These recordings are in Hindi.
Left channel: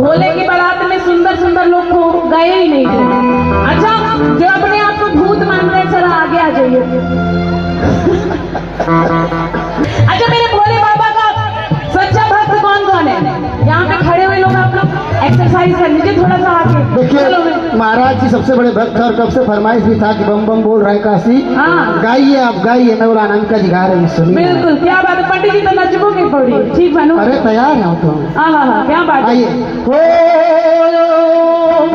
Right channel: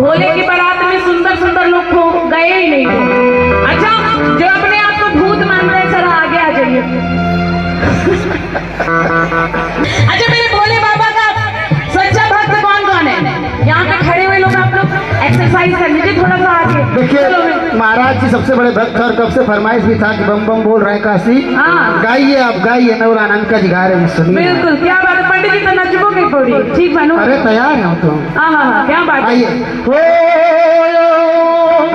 भोले की बारात में सुंदर सुंदर लोग को गए ही नहीं थे। अच्छा, जो अपने आप को भूत मानते हैं चला आगे आ जाइए। अच्छा, मेरे भोले बाबा का सच्चा भक्त कौन कौन है? यहाँ पे खड़े हुए लोग, आप लोग एक्सरसाइज कर लीजिए थोड़ा सा आगे। देखिए महाराज जी सबसे बड़े भक्त और कब से फरमाइश भी था कि बम बम बोल रहे काशी। हाँ। गाइए, आप गाइए, नवरानंद का जिगार है, सुनिए। बिल्कुल, क्या बात है पंडित जी, तो नचबोगे थोड़ी, ठीक बनू। अरे तैयार है हम तो। हाँ हाँ हाँ, क्या बात है। आइए। ओम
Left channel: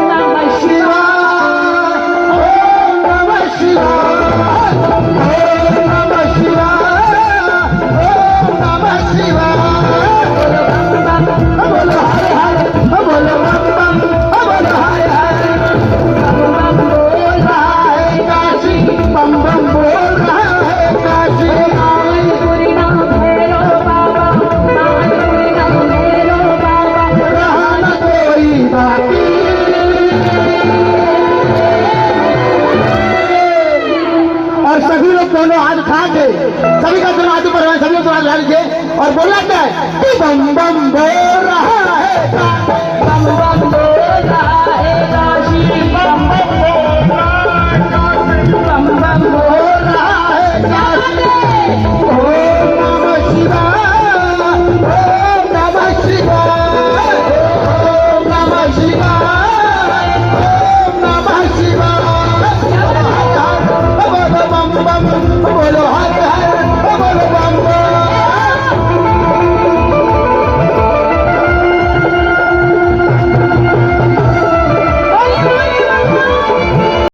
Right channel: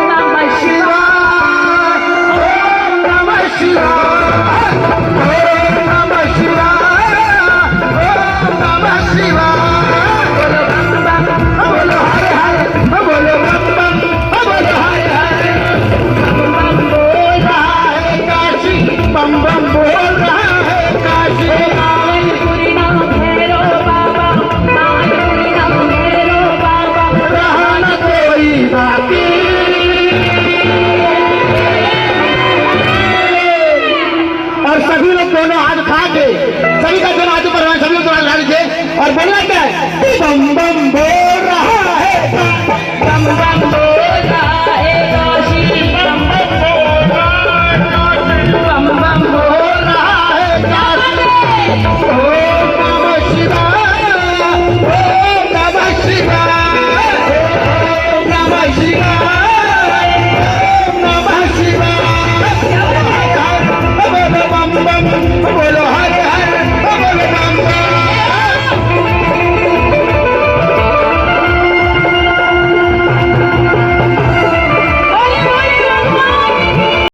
नमः शिवाय, ओम नमः शिवाय, ओम नमः शिवाय, ओम नमः शिवाय। बोलो हरे हरे, बोलो बम बम, बोलो हरे हरे। बम बम बोल रहा है काशी, बम बम बोल रहा है काशी। मालपुरी नम भैरो बाबा, मालपुरी नम भैरो बाबा, रहा न कोई बाकी। और सभी लोग दोनों हाथ उठा के, सभी का दोनों हाथ ऊपर, सभी लोग दोनों हाथ उठा लीजिए और बोलना क्या है? बम बम बोल रहा है।